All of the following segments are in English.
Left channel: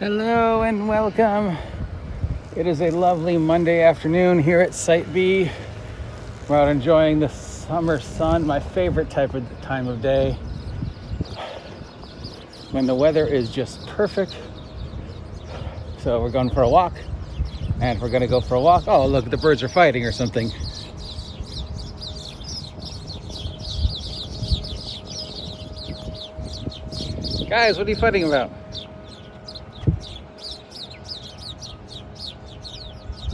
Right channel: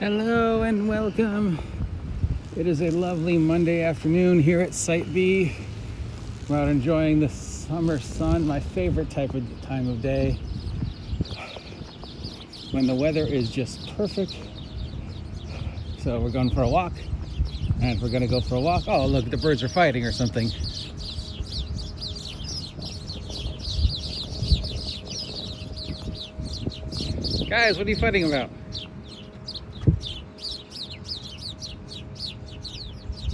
Hello and welcome. It is a lovely Monday afternoon here at Site B. We're out enjoying the summer sun, my favorite time of day, when the weather is just perfect. So we're going for a walk, and we're going to go for a walk. Oh, look, the birds are fighting or something. Guys, what are you fighting about?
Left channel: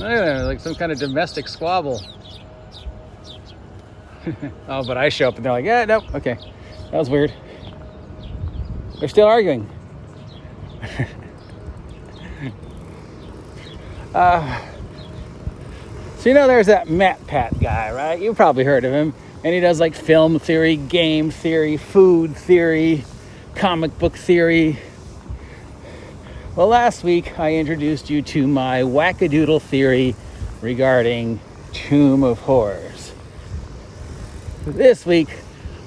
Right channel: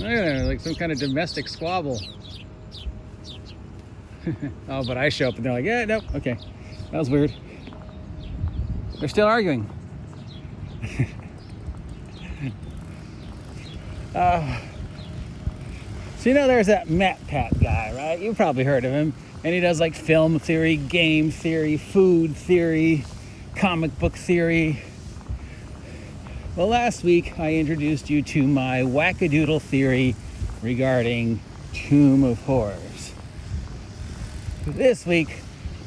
Like some kind of domestic squabble. Oh, but I show up and they're like, yeah, nope, okay. That was weird. They're still arguing. So you know there's that MatPat guy, right? You've probably heard of him. And he does like film theory, game theory, food theory, comic book theory. Well, last week I introduced you to my wackadoodle theory regarding Tomb of Horrors. This week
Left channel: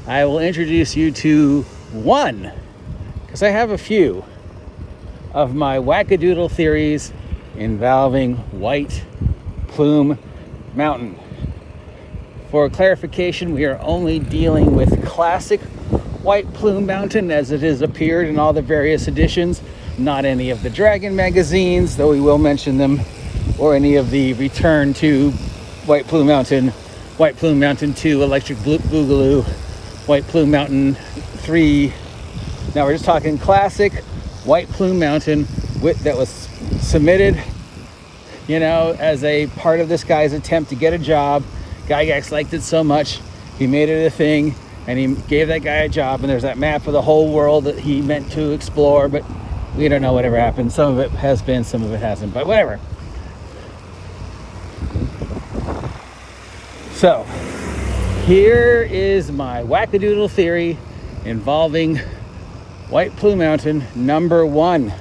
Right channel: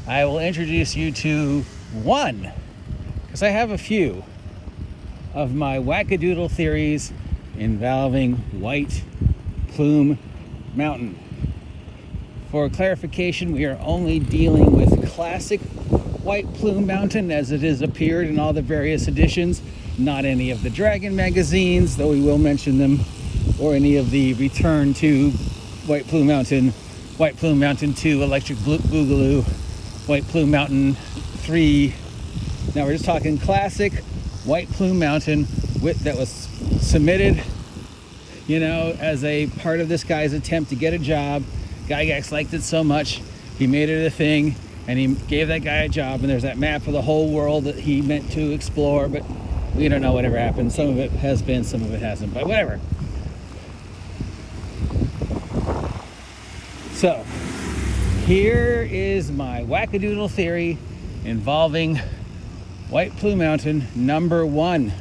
I will introduce you to one, because I have a few, of my wackadoodle theories involving White Plum Mountain. For clarification, we are only dealing with classic White Plum Mountain as it has appeared in all the various editions. Not any of the Dragon magazines, though we will mention them, or any of the Return to White Plum Mountain, White Plum Mountain 2, Electric Boogaloo, White Plum Mountain 3. Now we're just talking classic White Plum Mountain that was submitted, you know, as a part of this guy's attempt to get a job. Gygax liked it so much, he made it a thing, and he gave that guy a job, and there's that map of the whole world that he meant to explore, but we don't know whatever happened. Some of it has been, some of it hasn't, but whatever. So, here is my wackadoodle theory involving White Plum Mountain number 1,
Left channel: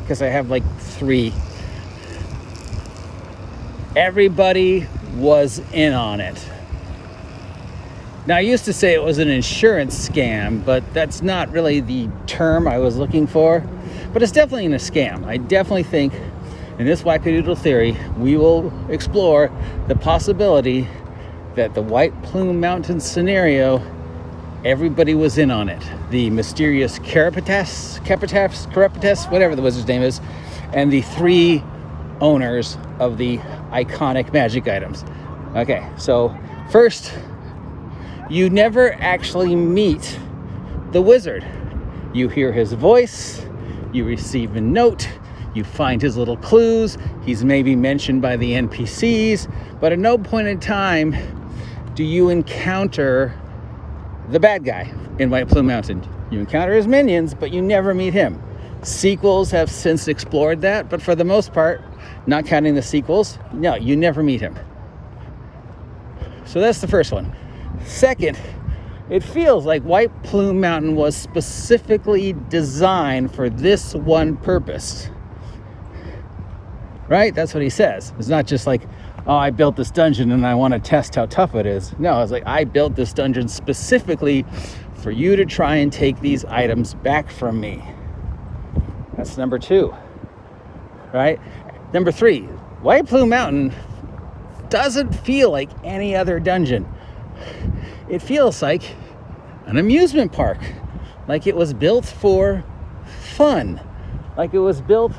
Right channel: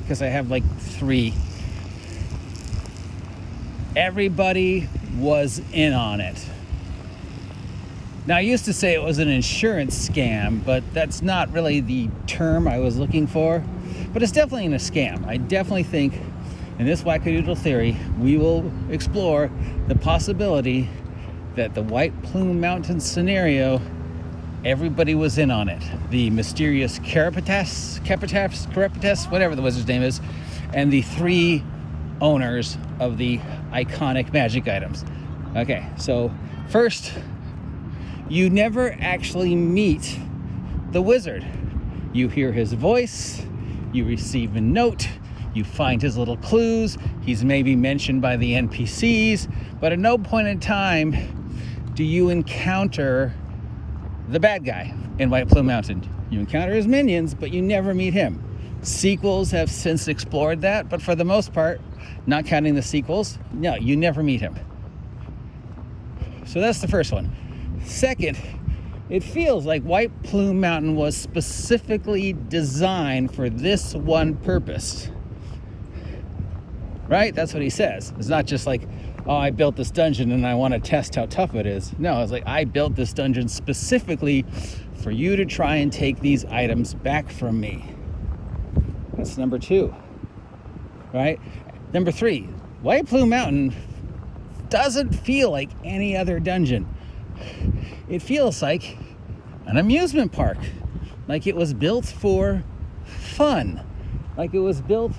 because I have like 3. Everybody was in on it. Now, I used to say it was an insurance scam, but that's not really the term I was looking for. But it's definitely a scam. I definitely think in this wackadoodle theory, we will explore the possibility that the White Plum Mountain scenario, everybody was in on it. The mysterious Carapatas, whatever the wizard's name is, and the 3 owners of the iconic magic items. Okay, so first, you never actually meet the wizard. You hear his voice, you receive a note, you find his little clues, he's maybe mentioned by the NPCs, but at no point in time do you encounter the bad guy in White Plum Mountain. You encounter his minions, but you never meet him. Sequels have since explored that, but for the most part, not counting the sequels, no, you never meet him. So that's the first one. Second, it feels like White Plum Mountain was specifically designed for this one purpose. Right? That's what he says. It's not just like, oh, I built this dungeon and I want to test how tough it is. No, it's like, I built this dungeon specifically for you to try and take these items back from me. That's number 2. Right? Number 3, White Plum Mountain doesn't feel like any other dungeon. It feels like an amusement park, like it was built for fun, like it was built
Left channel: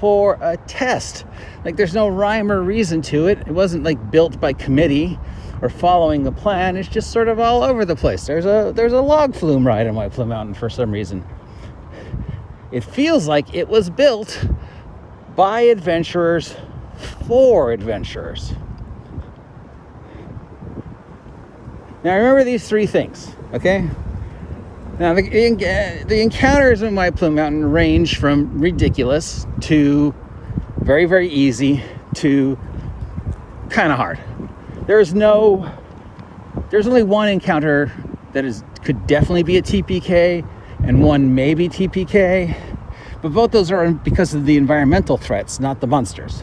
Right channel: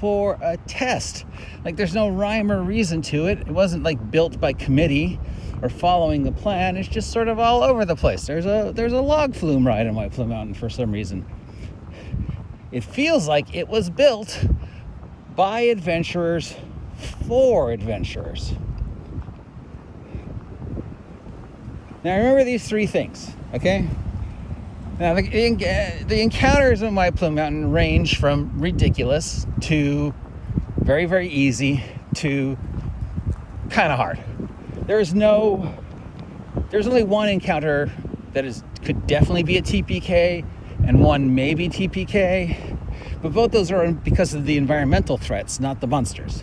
for a test. Like there's no rhyme or reason to it. It wasn't like built by committee or following a plan. It's just sort of all over the place. There's a log flume ride in White Plum Mountain for some reason. It feels like it was built by adventurers for adventurers. Now remember these 3 things, okay? Now the encounters in White Plum Mountain range from ridiculous to very, very easy to kind of hard. There's only one encounter that could definitely be a TPK, and one maybe TPK, but both those are because of the environmental threats, not the monsters.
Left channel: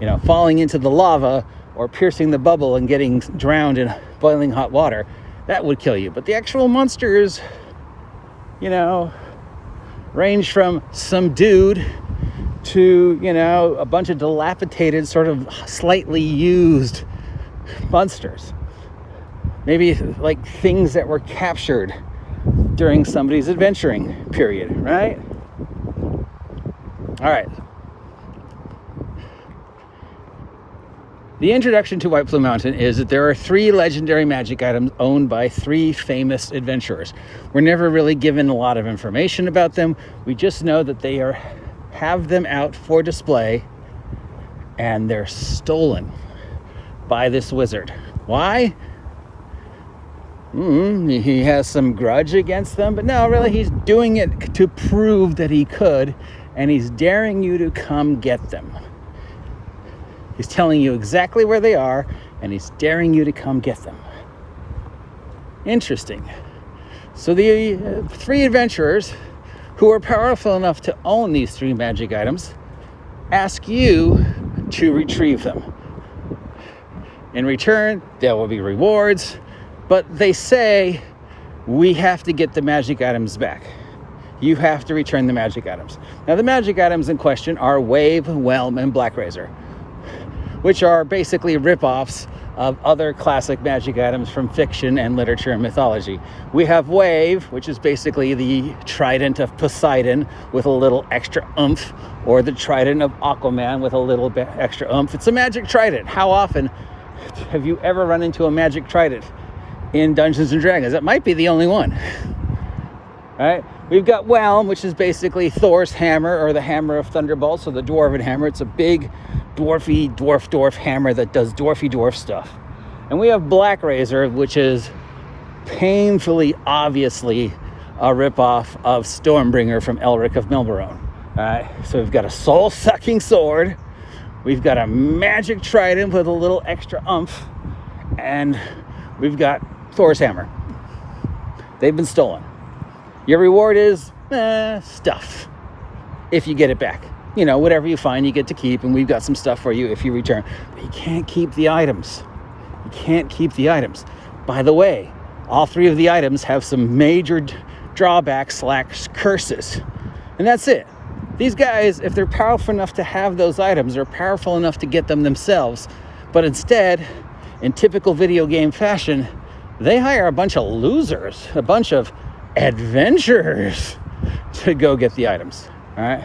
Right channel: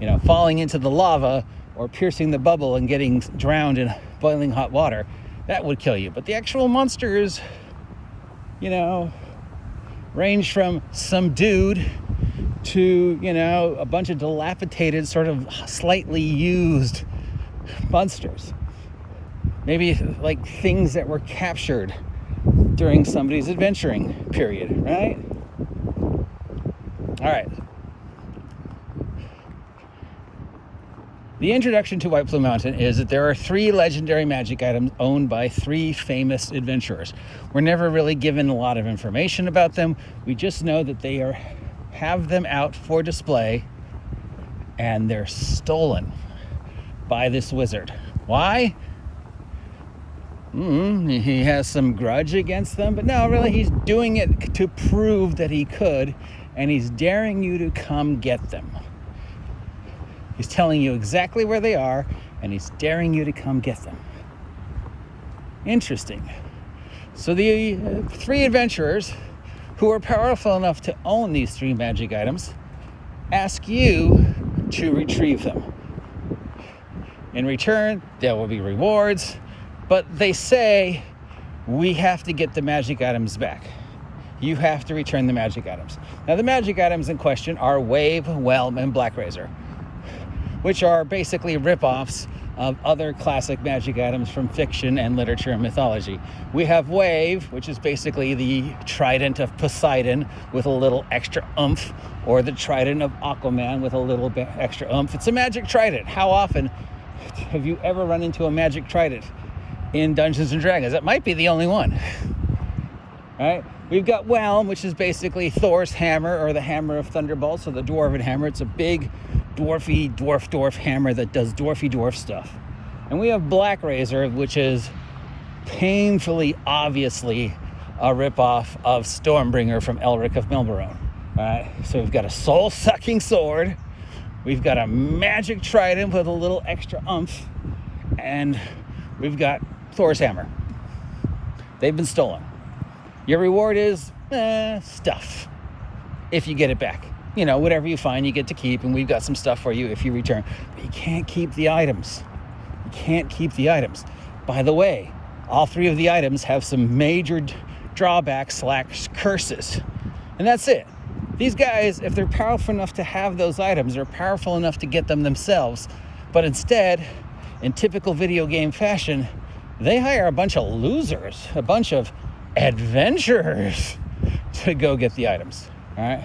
You know, falling into the lava or piercing the bubble and getting drowned in boiling hot water, that would kill you. But the actual monsters, you know, range from some dude to, you know, a bunch of dilapidated, sort of slightly used monsters. Maybe like things that were captured during somebody's adventuring period, right? All right. The introduction to White Plum Mountain is that there are 3 legendary magic items owned by 3 famous adventurers. We're never really given a lot of information about them. We just know that they have them out for display, and they're stolen by this wizard. Why? He has some grudge against them, but no, really, he's doing it to prove that he could, and he's daring you to come get them. He's telling you exactly where they are, and he's daring you to come get them. Interesting. So the 3 adventurers who are powerful enough to own these 3 magic items ask you to retrieve them. In return, there will be rewards, but they say we have to get the magic items back. You have to return the magic items. Now, the magic items in question are Wave, Whelm, and Black Razor, which are basically rip-offs of other classic magic items from fiction and literature and mythology. We have Wave, which is basically the trident of Poseidon with a little extra oomph, or the trident of Aquaman with a little bit extra oomph. It's a magic trident. How often have you ever run into a magic trident in Dungeons and Dragons? That might be the only one. Right? We've got Whelm, which is basically Thor's hammer, or the hammer of Thunderbolts, or the dwarven hammer. It's a big dwarfy dwarf hammer that does dwarf stuff. And we have Black Razor, which is painfully obviously a ripoff of Stormbringer from Elric of Milberone. Alright, so we've got a soul-sucking sword, we've got a magic trident with a little extra oomph, and we've got Thor's hammer. They've been stolen. Your reward is stuff, if you get it back. You know, whatever you find, you get to keep, and we've got some stuff for you if you return. But you can't keep the items. You can't keep the items. By the way, all 3 of the items have some major drawbacks / curses. And that's it. These guys, if they're powerful enough to have those items, are powerful enough to get them themselves. But instead, in typical video game fashion, they hire a bunch of losers, a bunch of adventurers to go get the items. All right?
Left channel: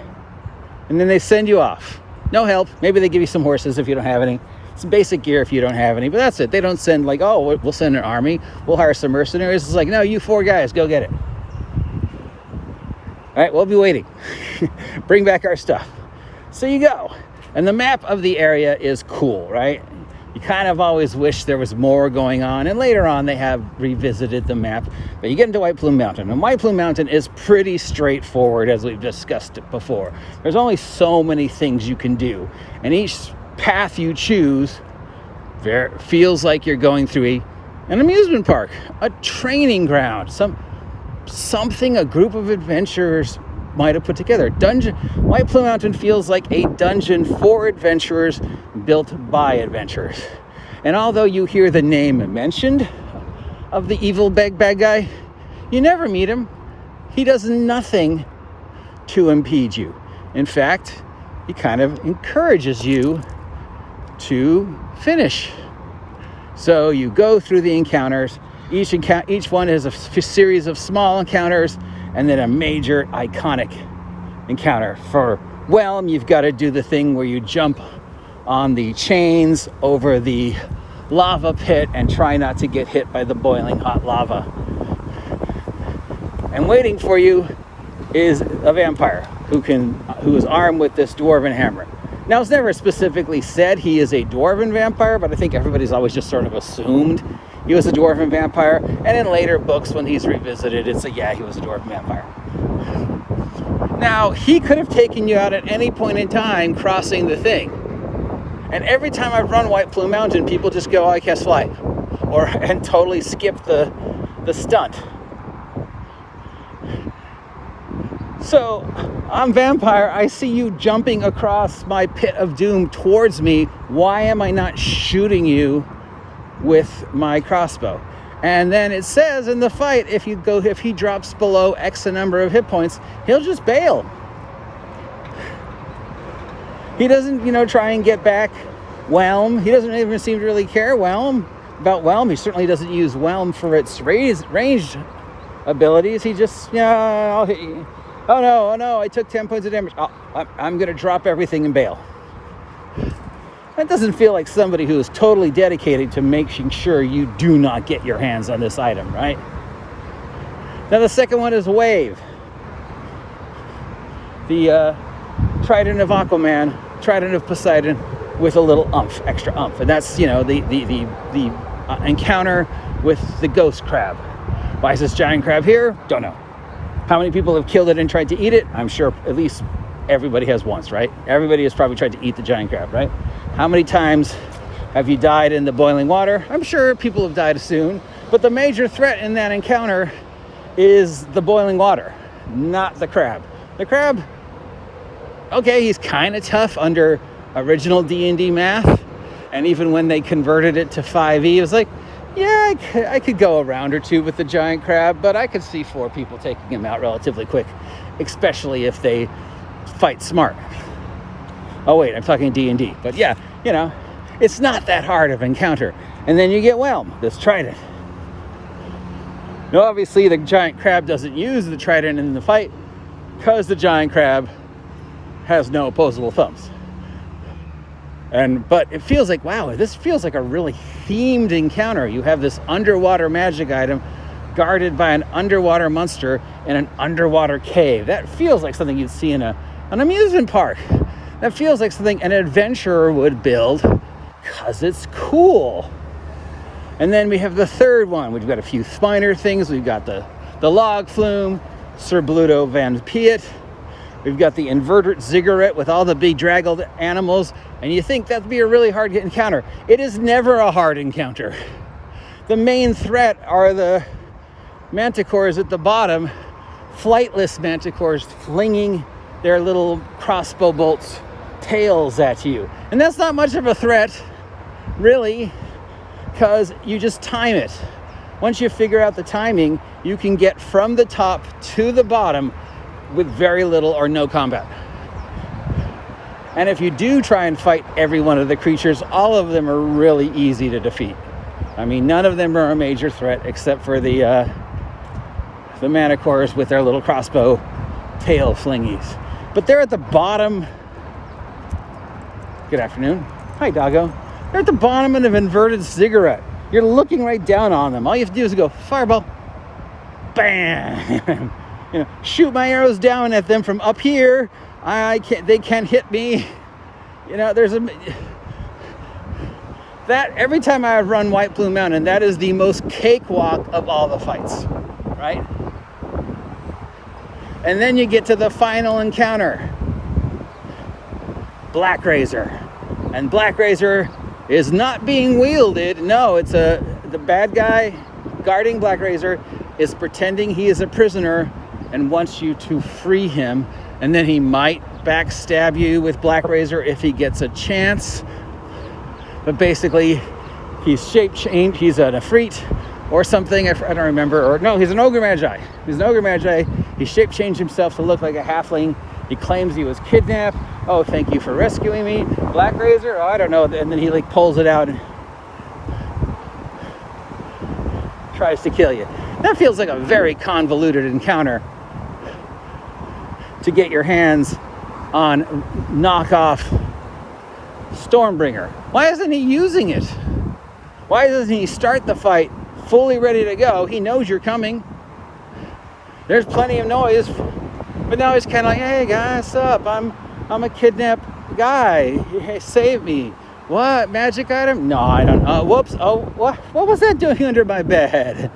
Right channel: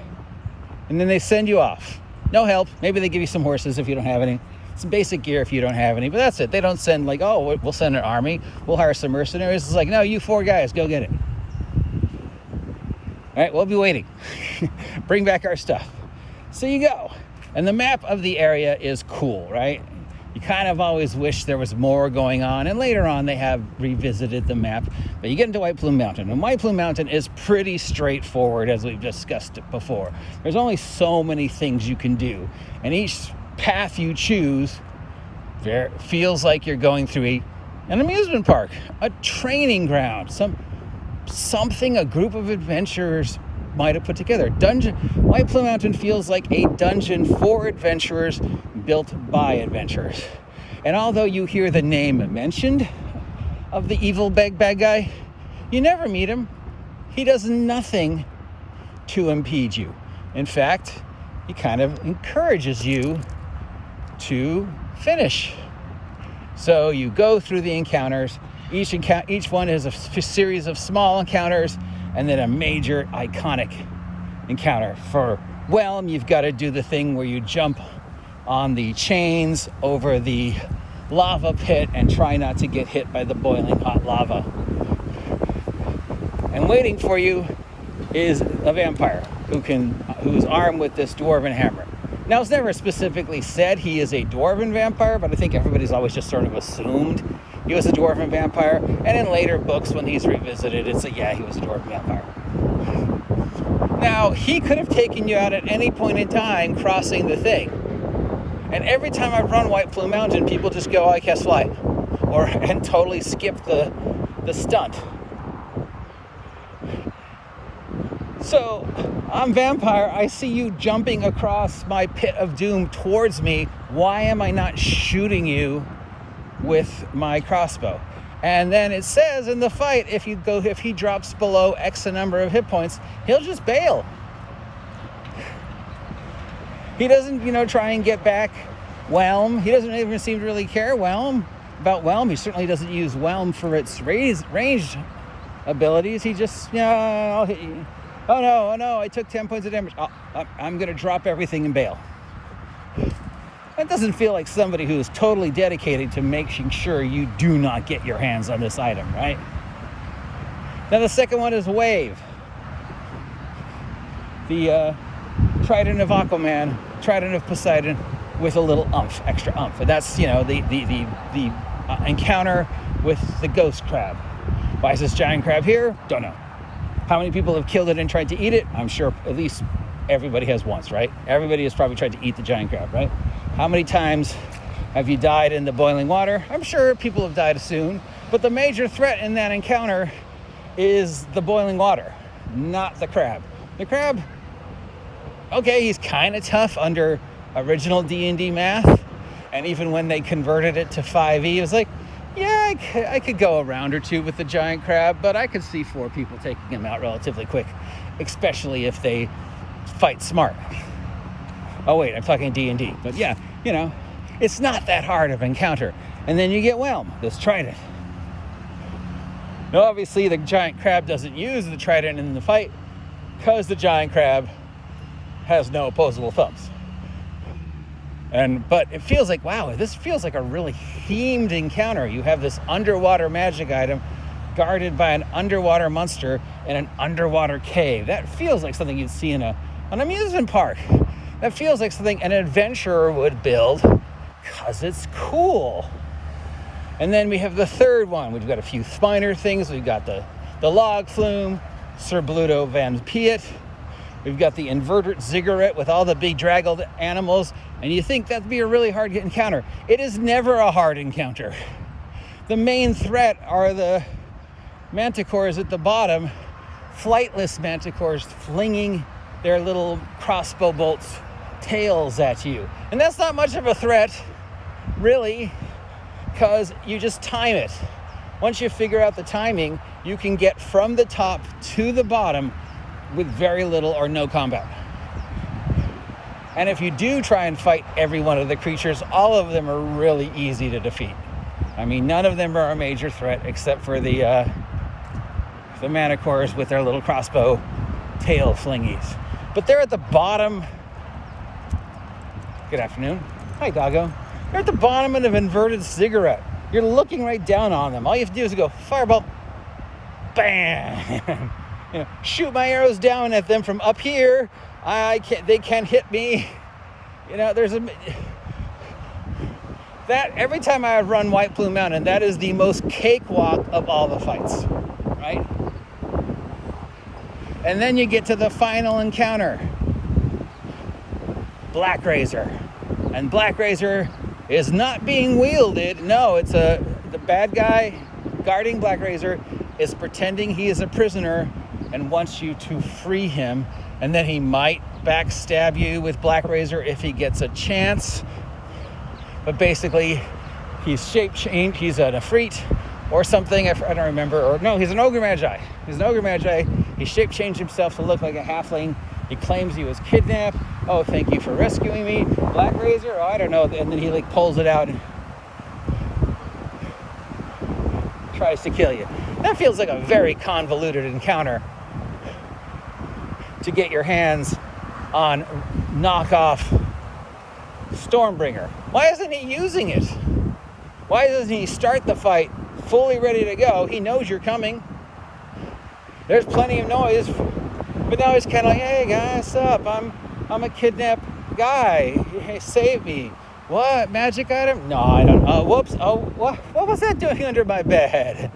And then they send you off. No help. Maybe they give you some horses if you don't have any. Some basic gear if you don't have any. But that's it. They don't send like, oh, we'll send an army. We'll hire some mercenaries. It's like, no, you 4 guys, go get it. All right, we'll be waiting. Bring back our stuff. So you go. And the map of the area is cool, right? You kind of always wish there was more going on, and later on they have revisited the map. But you get into White Plum Mountain, and White Plum Mountain is pretty straightforward, as we've discussed it before. There's only so many things you can do, and each path you choose feels like you're going through an amusement park, a training ground, something a group of adventurers might have put together. White Plum Mountain feels like a dungeon for adventurers, built by adventurers. And although you hear the name mentioned of the evil bad guy, you never meet him. He does nothing to impede you. In fact, he kind of encourages you to finish. So you go through the encounters. Each one is a series of small encounters, and then a major iconic encounter. For Whelm, you've got to do the thing where you jump on the chains over the lava pit and try not to get hit by the boiling hot lava. And waiting for you is a vampire who is armed with this dwarven hammer. Now, it's never specifically said he is a dwarven vampire, but I think everybody's always just sort of assumed he was a dwarven vampire. And in later books, when he's revisited, it's he was a dwarven vampire. Now, he could have taken you out at any point in time crossing the thing. And every time I run White Plum Mountain, people just go, oh, I can't fly. And totally skip the stunt. So, I'm vampire, I see you jumping across my pit of doom towards me. Why am I not shooting you with my crossbow? And then it says in the fight, if he drops below X number of hit points, he'll just bail. He doesn't, you know, try and get back Whelm. He doesn't even seem to really care about Whelm. He certainly doesn't use Whelm for its ranged abilities. He just, yeah, I'll hit you. Oh no, I took 10 points of damage. I'm gonna drop everything and bail. That doesn't feel like somebody who is totally dedicated to making sure you do not get your hands on this item, right? Now the second one is Wave. The Trident of Aquaman, Trident of Poseidon with a little extra oomph. And that's, you know, the encounter with the ghost crab. Why is this giant crab here? Don't know. How many people have killed it and tried to eat it? I'm sure at least everybody has once, right? Everybody has probably tried to eat the giant crab, right? How many times have you died in the boiling water? I'm sure people have died soon, but the major threat in that encounter is the boiling water, not the crab. The crab, okay, he's kind of tough under original D&D math, and even when they converted it to 5e, it was like, yeah, I could go a round or two with the giant crab, but I could see 4 people taking him out relatively quick, especially if they fight smart. Oh wait, I'm talking D&D, but yeah, you know, it's not that hard of an encounter. And then you get Whelm, this trident. Now obviously the giant crab doesn't use the trident in the fight because the giant crab has no opposable thumbs. But it feels like, wow, this feels like a really themed encounter. You have this underwater magic item guarded by an underwater monster in an underwater cave. That feels like something you'd see in an amusement park. That feels like something an adventurer would build because it's cool. And then we have the third one. We've got a few minor things. We've got the log flume, Sir Bluto Van Piet. We've got the inverted ziggurat with all the big draggled animals. And you think that'd be a really hard encounter. It is never a hard encounter. The main threat are the manticores at the bottom, flightless manticores flinging their little crossbow bolts tails at you. And that's not much of a threat, really, because you just time it. Once you figure out the timing, you can get from the top to the bottom with very little or no combat. And if you do try and fight every one of the creatures, all of them are really easy to defeat. I mean, none of them are a major threat except for the manticores with their little crossbow tail flingies. But they're at the bottom. Good afternoon. Hi, doggo. They're at the bottom of an inverted ziggurat. You're looking right down on them. All you have to do is go, fireball, bam. You know, shoot my arrows down at them from up here. They can't hit me. You know, every time I run White Plum Mountain, that is the most cakewalk of all the fights, right? And then you get to the final encounter, Black Razor. And Black Razor is not being wielded. No, it's the bad guy guarding Black Razor is pretending he is a prisoner and wants you to free him. And then he might backstab you with Black Razor if he gets a chance. But basically, he's shape-changed. He's an Efreet or something. I don't remember. Or no, he's an Ogre Magi. He's an Ogre Magi. He shape-changed himself to look like a halfling. He claims he was kidnapped. Oh, thank you for rescuing me. Black Razor? Oh, I don't know. And then he like pulls it out and tries to kill you. That feels like a very convoluted encounter to get your hands on knockoff Stormbringer. Why isn't he using it? Why doesn't he start the fight fully ready to go? He knows you're coming. There's plenty of noise, but now he's kind of like, hey guys, what's up? I'm a kidnapped guy. Hey, save me. What? Magic item? No, I don't know. Whoops. Oh, what was that doing under my bed?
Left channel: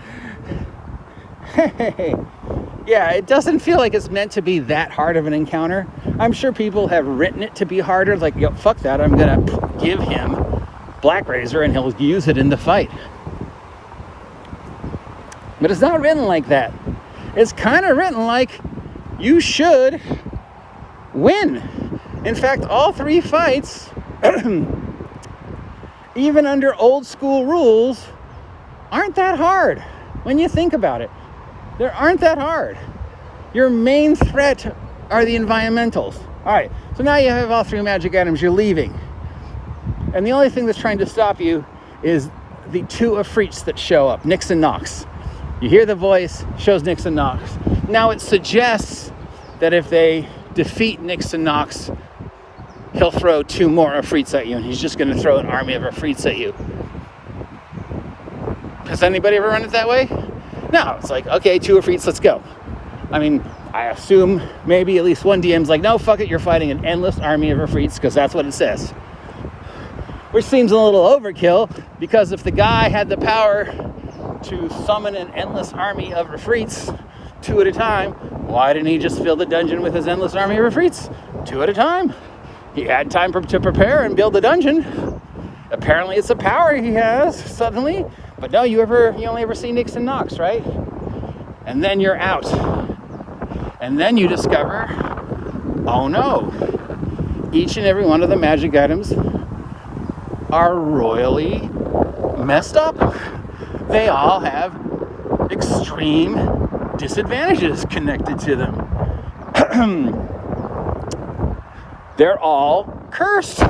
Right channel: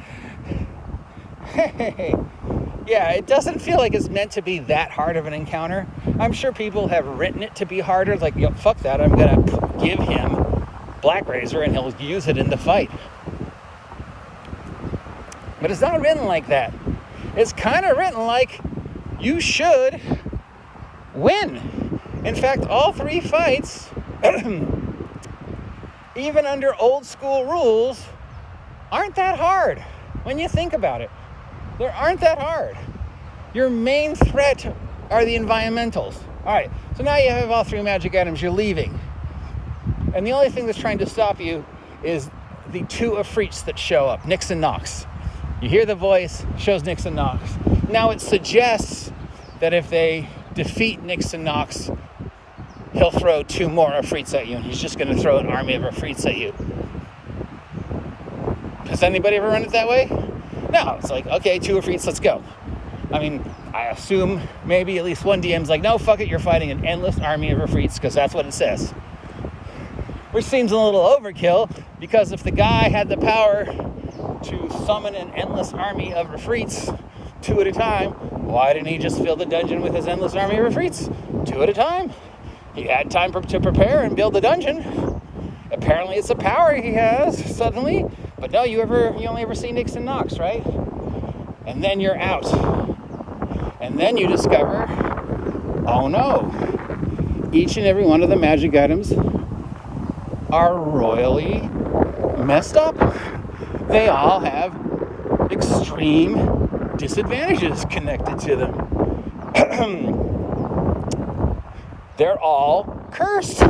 Hey. Yeah, it doesn't feel like it's meant to be that hard of an encounter. I'm sure people have written it to be harder. Like, yo, fuck that. I'm going to give him Black Razor and he'll use it in the fight. But it's not written like that. It's kind of written like you should win. In fact, all 3 fights, even under old school rules, aren't that hard when you think about it. They aren't that hard. Your main threat are the environmentals. All right, so now you have all 3 magic items, you're leaving. And the only thing that's trying to stop you is the 2 Afrits that show up, Nix and Nox. You hear the voice, shows Nix and Nox. Now it suggests that if they defeat Nix and Nox, he'll throw 2 more Afrits at you, and he's just gonna throw an army of Afrits at you. Has anybody ever run it that way? No, it's like, okay, 2 Afrits, let's go. I mean, I assume maybe at least one DM's like, no, fuck it, you're fighting an endless army of Afrits, because that's what it says. Which seems a little overkill, because if the guy had the power to summon an endless army of Afrits 2 at a time, why didn't he just fill the dungeon with his endless army of Afrits 2 at a time? He had time to prepare and build the dungeon. Apparently it's a power he has suddenly, but no, you only ever see Nix and Nox, right? And then you're out. And then you discover, oh no, each and every one of the magic items are royally messed up. They all have extreme disadvantages connected to them. They're all cursed.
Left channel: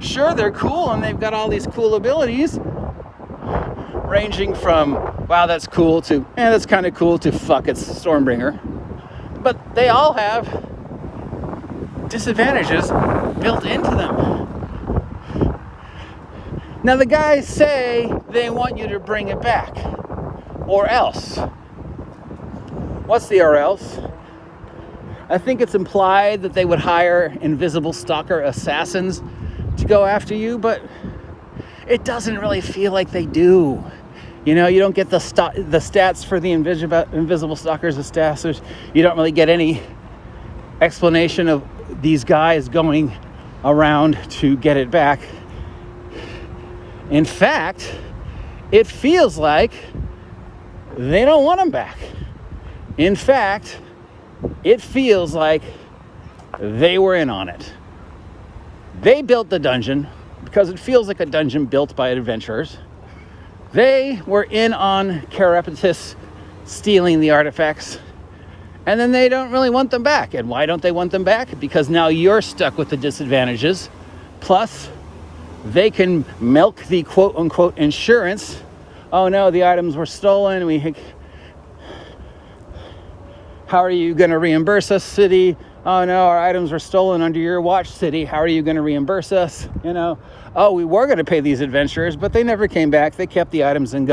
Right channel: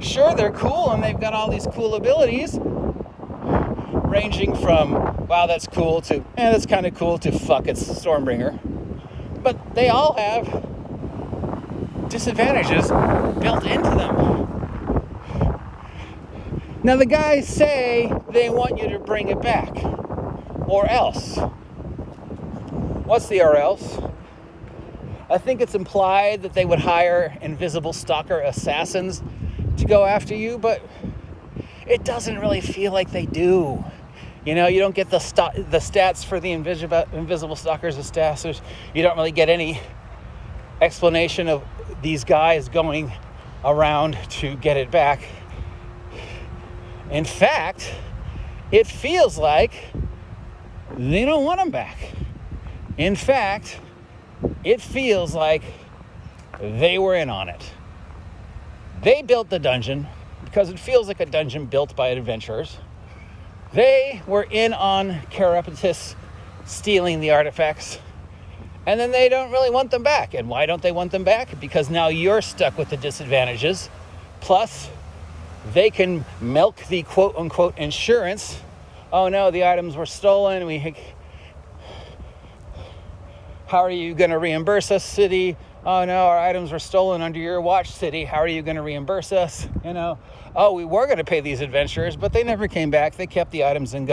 Sure, they're cool and they've got all these cool abilities, ranging from, wow, that's cool, to, that's kind of cool, to fuck, it's Stormbringer. But they all have disadvantages built into them. Now the guys say they want you to bring it back, or else. What's the or else? I think it's implied that they would hire invisible stalker assassins to go after you, but it doesn't really feel like they do. You know, you don't get the stats for the invisible stalkers, assassins. You don't really get any explanation of these guys going around to get it back. In fact, it feels like they don't want them back. In fact, it feels like they were in on it. They built the dungeon because it feels like a dungeon built by adventurers. They were in on Carapatus stealing the artifacts, and then they don't really want them back. And why don't they want them back? Because now you're stuck with the disadvantages. Plus, they can milk the quote-unquote insurance. Oh no, the items were stolen. How are you going to reimburse us, city? Oh no, our items were stolen under your watch, city. How are you going to reimburse us? You know, oh, we were going to pay these adventurers, but they never came back. They kept the items and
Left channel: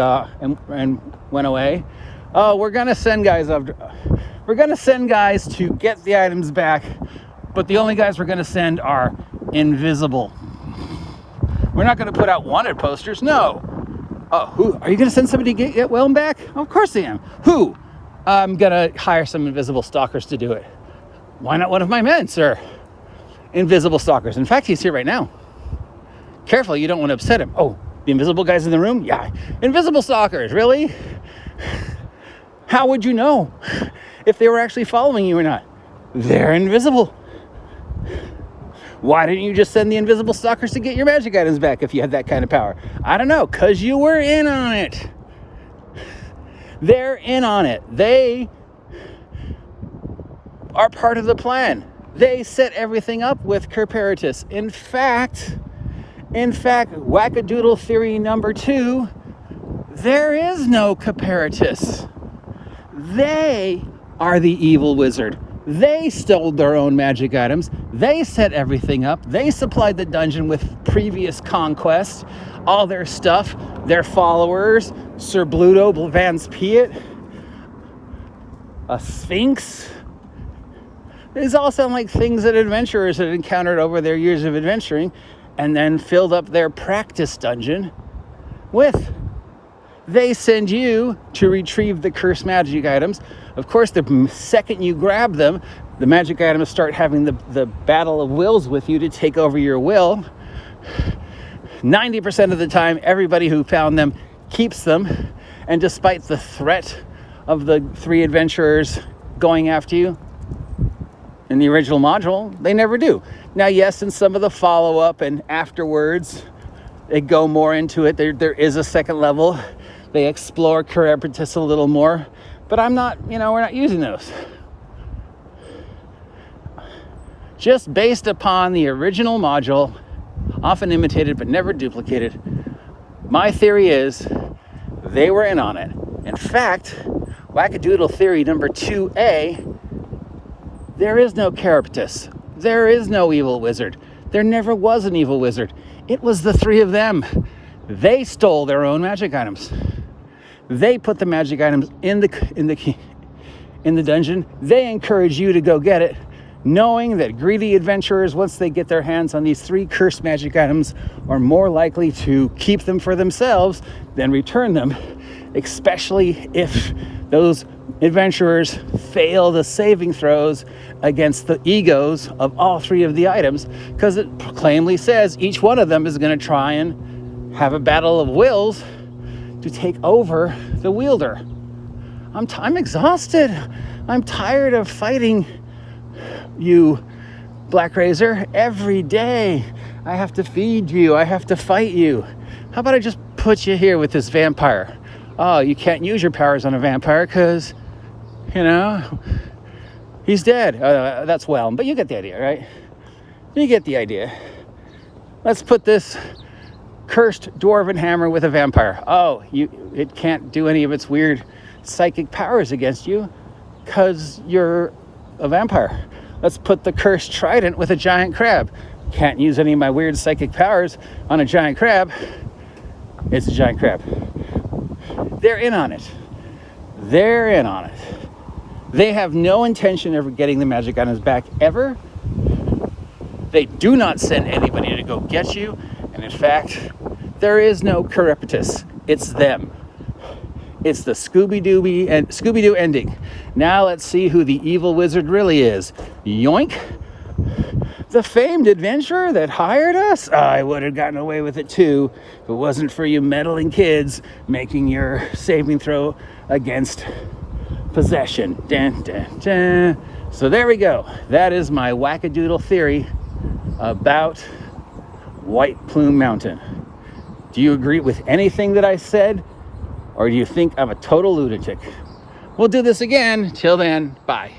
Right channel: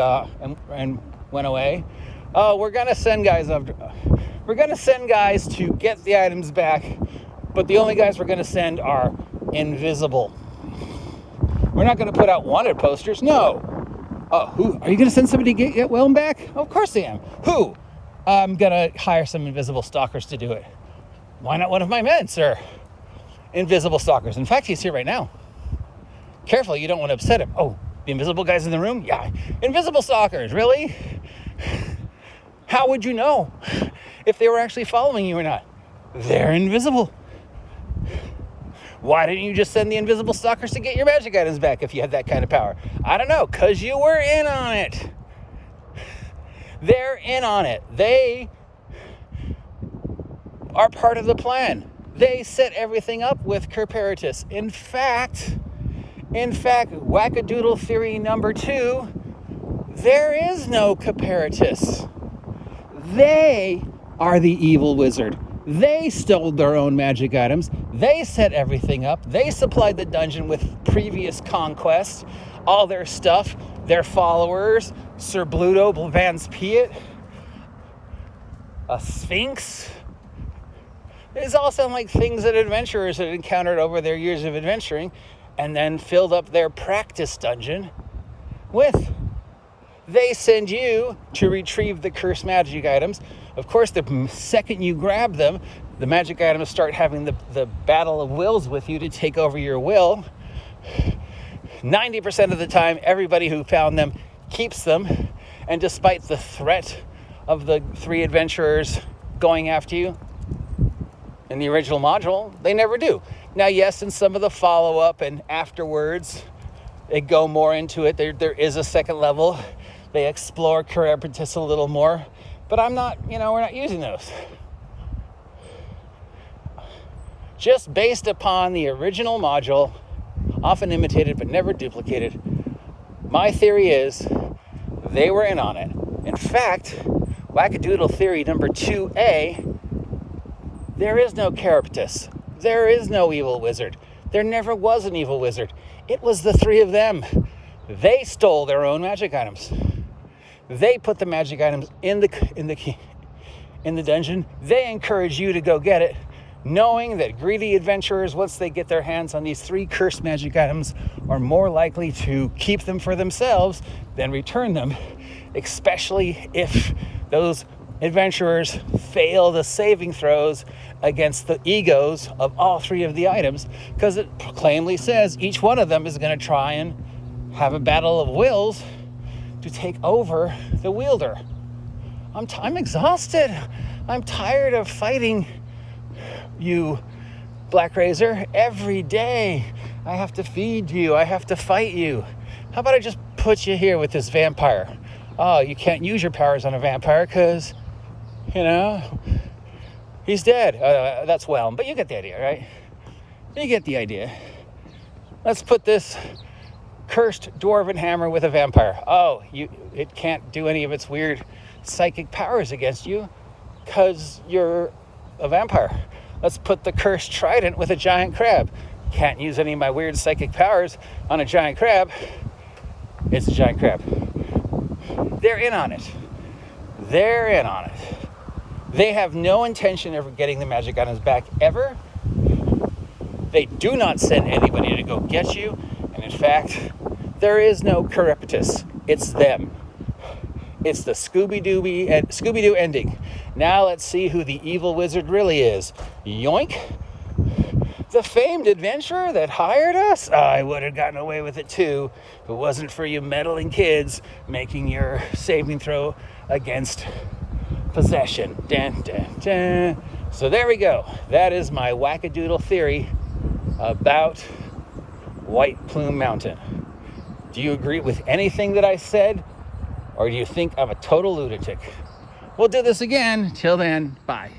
went away. Oh, we're going to send guys up. We're going to send guys to get the items back, but the only guys we're going to send are invisible. We're not going to put out wanted posters. No. Oh, who are you going to send somebody to get Willem back? Oh, of course I am. Who? I'm gonna hire some invisible stalkers to do it. Why not one of my men, sir? Invisible stalkers. In fact, he's here right now. Careful, you don't want to upset him. Oh, the invisible guy's in the room? Yeah. Invisible stalkers, really? How would you know if they were actually following you or not? They're invisible. Why didn't you just send the invisible stalkers to get your magic items back if you had that kind of power? I don't know, because you were in on it. They're in on it. They are part of the plan. They set everything up with Carapatus. In fact, wackadoodle theory number 2, there is no Carapatus. They are the evil wizard. They stole their own magic items. They set everything up. They supplied the dungeon with previous conquests, all their stuff, their followers, Sir Bluto, Blevans Piet, a Sphinx. These all sound like things that adventurers have encountered over their years of adventuring and then filled up their practice dungeon with. They send you to retrieve the cursed magic items. Of course, the second you grab them, the magic items start having the battle of wills with you to take over your will. 90% of the time, everybody who found them keeps them, and despite the threat of the 3 adventurers going after you in the original module, they never do. Now, yes, in some of the follow-up and afterwards, they go more into it. There is a second level They explore Chiropodist a little more, but I'm not, we're not using those. Just based upon the original module, often imitated but never duplicated, my theory is they were in on it. In fact, wackadoodle theory number 2A, there is no Chiropodist. There is no evil wizard. There never was an evil wizard. It was the three of them. They stole their own magic items. They put the magic items in the dungeon. They encourage you to go get it, knowing that greedy adventurers, once they get their hands on these 3 cursed magic items, are more likely to keep them for themselves than return them, especially if those adventurers fail the saving throws against the egos of all 3 of the items, because it plainly says each one of them is going to try and have a battle of wills to take over the wielder. I'm exhausted. I'm tired of fighting you, Black Razor, every day. I have to feed you. I have to fight you. How about I just put you here with this vampire? Oh, you can't use your powers on a vampire because, he's dead. That's well, but you get the idea, right? You get the idea. Let's put this cursed dwarven hammer with a vampire. Oh, it can't do any of its weird psychic powers against you because you're a vampire. Let's put the cursed trident with a giant crab. Can't use any of my weird psychic powers on a giant crab. It's a giant crab. They're in on it. They're in on it. They have no intention of getting the magic items back ever. They do not send anybody to go get you. And in fact, there is no Chiropodist. It's them. It's the Scooby-Doo ending. Now let's see who the evil wizard really is. Yoink. The famed adventurer that hired us? I would have gotten away with it too if it wasn't for you meddling kids making your saving throw against possession. Dun, dun, dun. So there we go. That is my wackadoodle theory about White Plum Mountain. Do you agree with anything that I said? Or do you think I'm a total lunatic? We'll do this again. Till then, bye.